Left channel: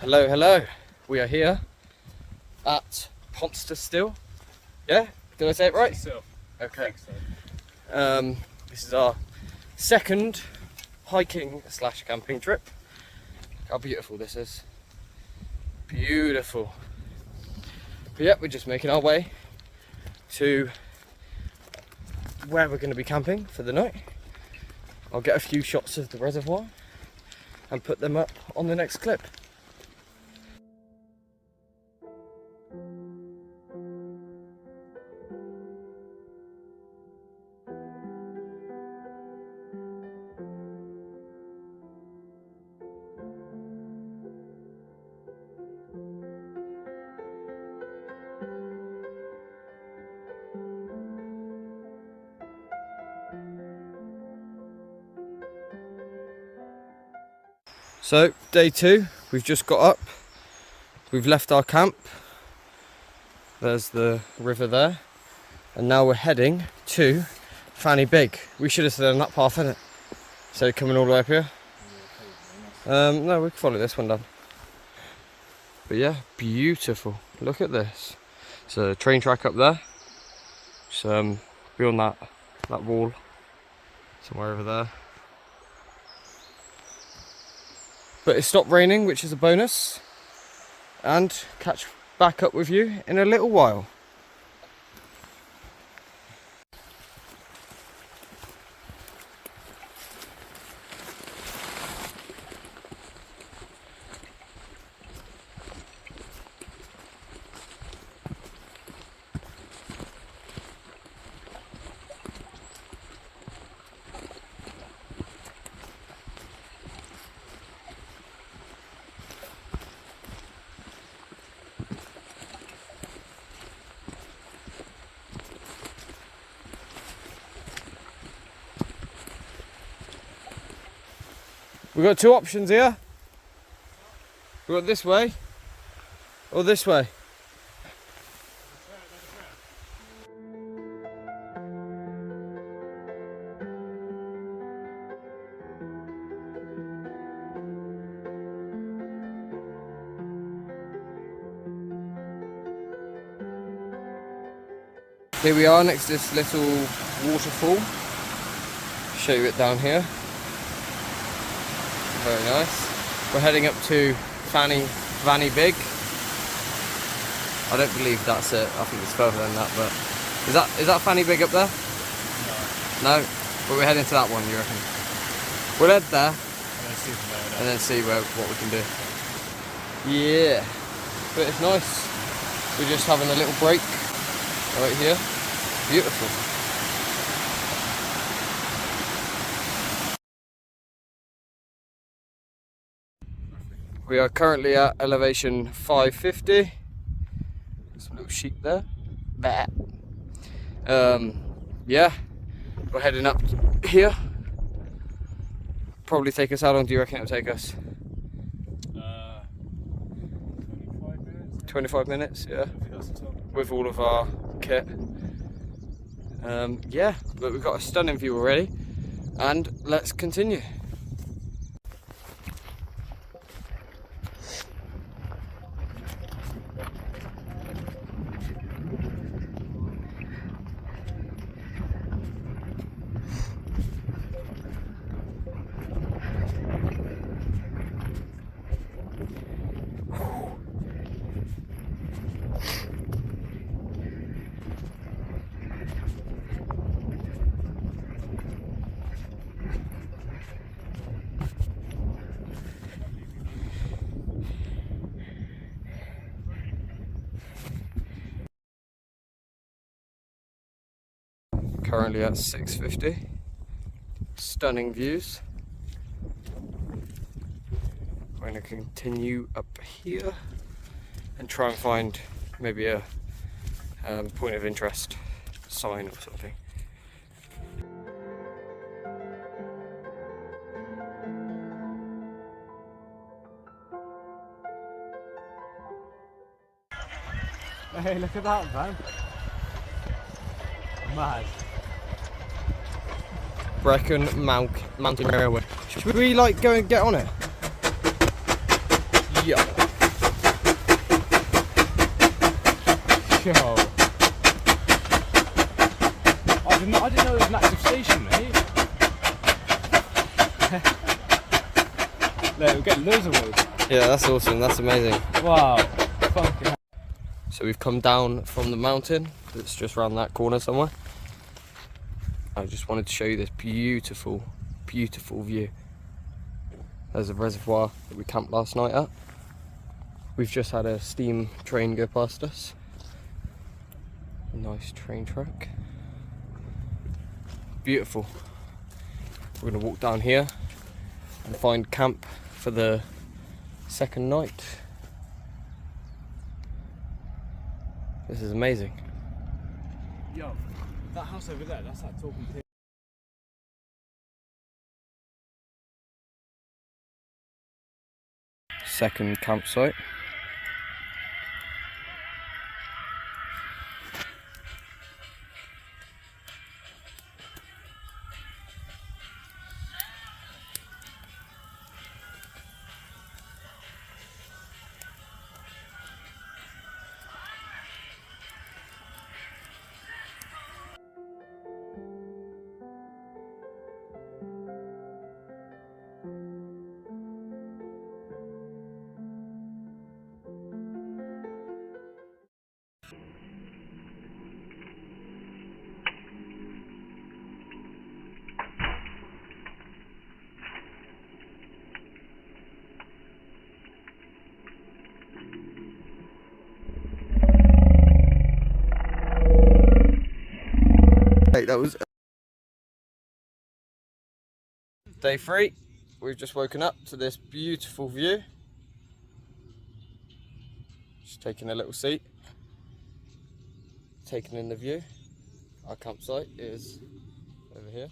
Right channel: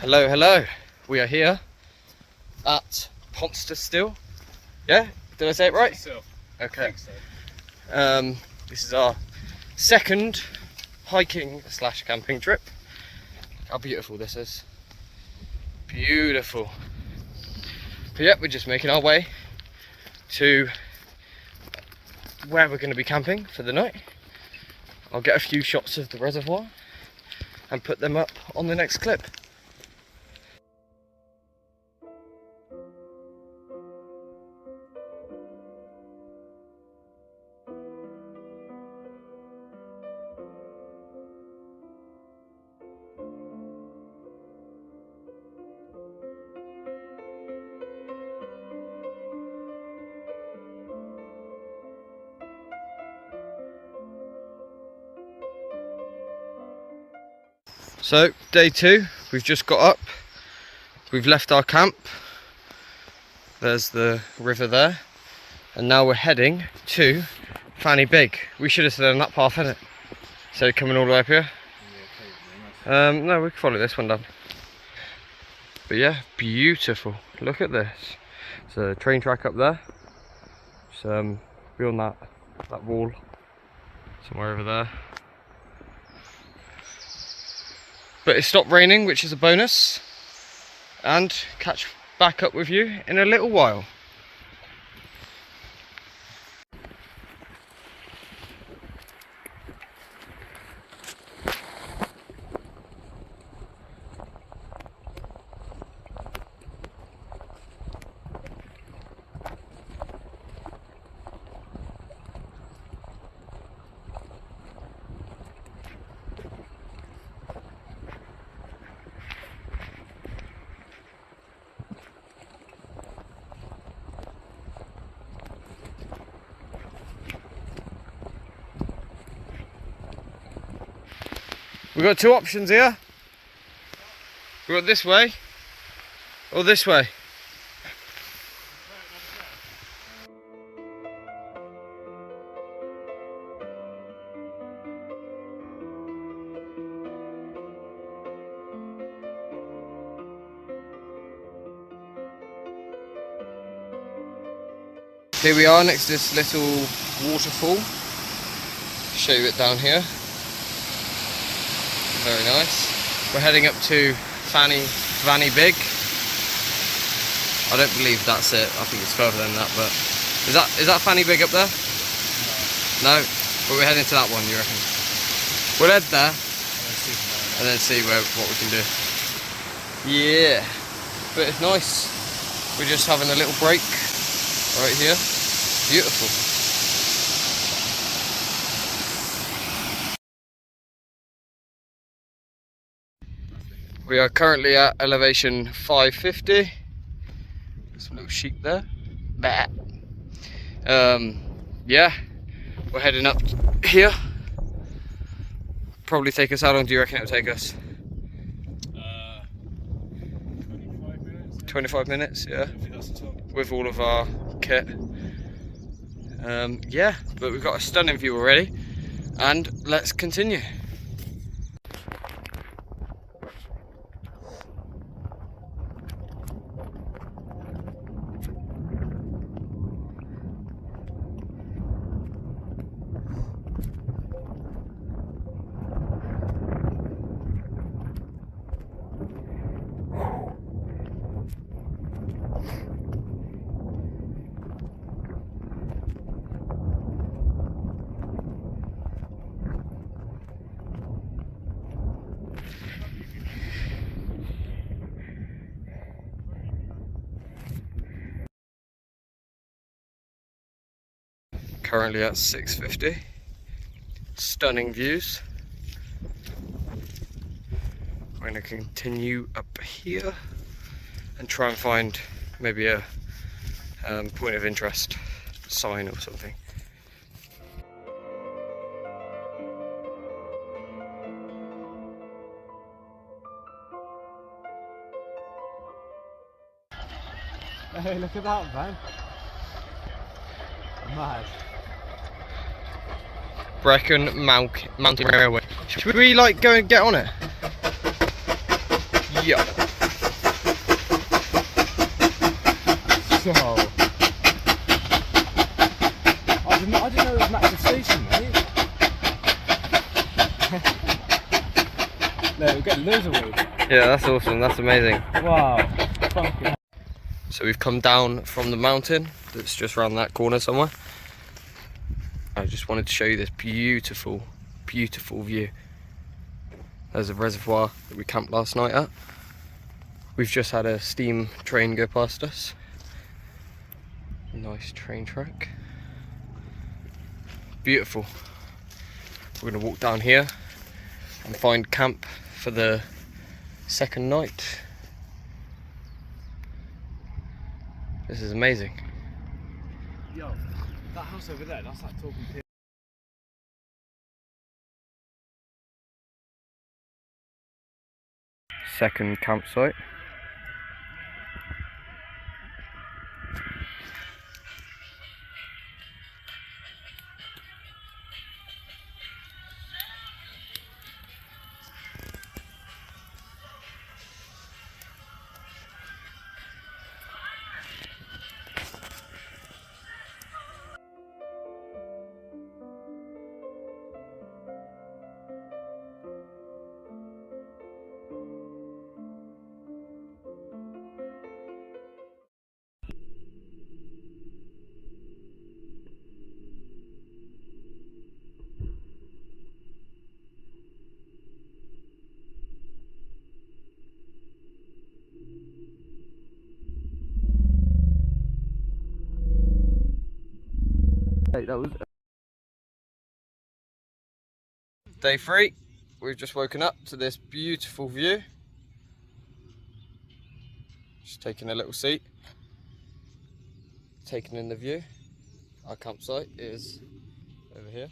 Hello, hello. We are here at Ponster still. Yeah? Did I say it right? So, Okay. I think so. This is our second hiking / camping trip. How beautiful this is. Beautiful. But yeah, we're just making our way to where we're going to be camping for the night. I'll get a few shots of the reservoir and put them up on the next clip. So, day 2, we've just got up, we've left our camp, there's the river there, and now we're heading to Fanny Big. We should have done that path, innit? So coming all the way up here. No, we can follow this one down. But yeah, beautiful, look at this. There's a train track up there, just beyond that wall, somewhere over there. But it stopped raining, which is a bonus, and catch back up with you in a little while. We've got two options here. We've got this way or this way. Here we are next to this little waterfall. Show you it down here. Very nice. We're heading up to Fanny Big. I don't believe that's it. I think it's further than that, but is that Fanny Big up there? No. But we're heading to that one, you reckon? We'll head there and then see what we can do. Yeah. But it's nice. We're just having a little break right here. Beautiful. We are currently at elevation 550. Some little sheep there. Bah. Yeah, we're heading up here. Probably take us, how long do you reckon it'll take us? 25 minutes. 25 minutes, yeah. With all of our kit. Yeah, but we've got a stunning view already. And let's continue. Currently at 650. Stunning views. We're going to continue up here and try and find maybe a point of interest sign or something. Hey, look at that, man. Mad. Brecon Mountain Railway. Should we like go and get on it? Yeah. Yo. I didn't know it was an active station, mate. No, we're getting loads of wood. Yeah, that's awesome. That's amazing. Wow. Fucking hell. So we've come down from the mountain that's just around that corner somewhere. I just wanted to show you this beautiful, beautiful view. There's a reservoir that we camped last night at. We've just had a steam train go past us. Nice train track. Beautiful. We're gonna walk down here and find camp for the second night. This is amazing. Yo, that house over there, that's that talking pin. Second campsite. Hey, that was day 3. We've just woken up to this beautiful view. Just taking a little seat, taking in the view. Our campsite is over here.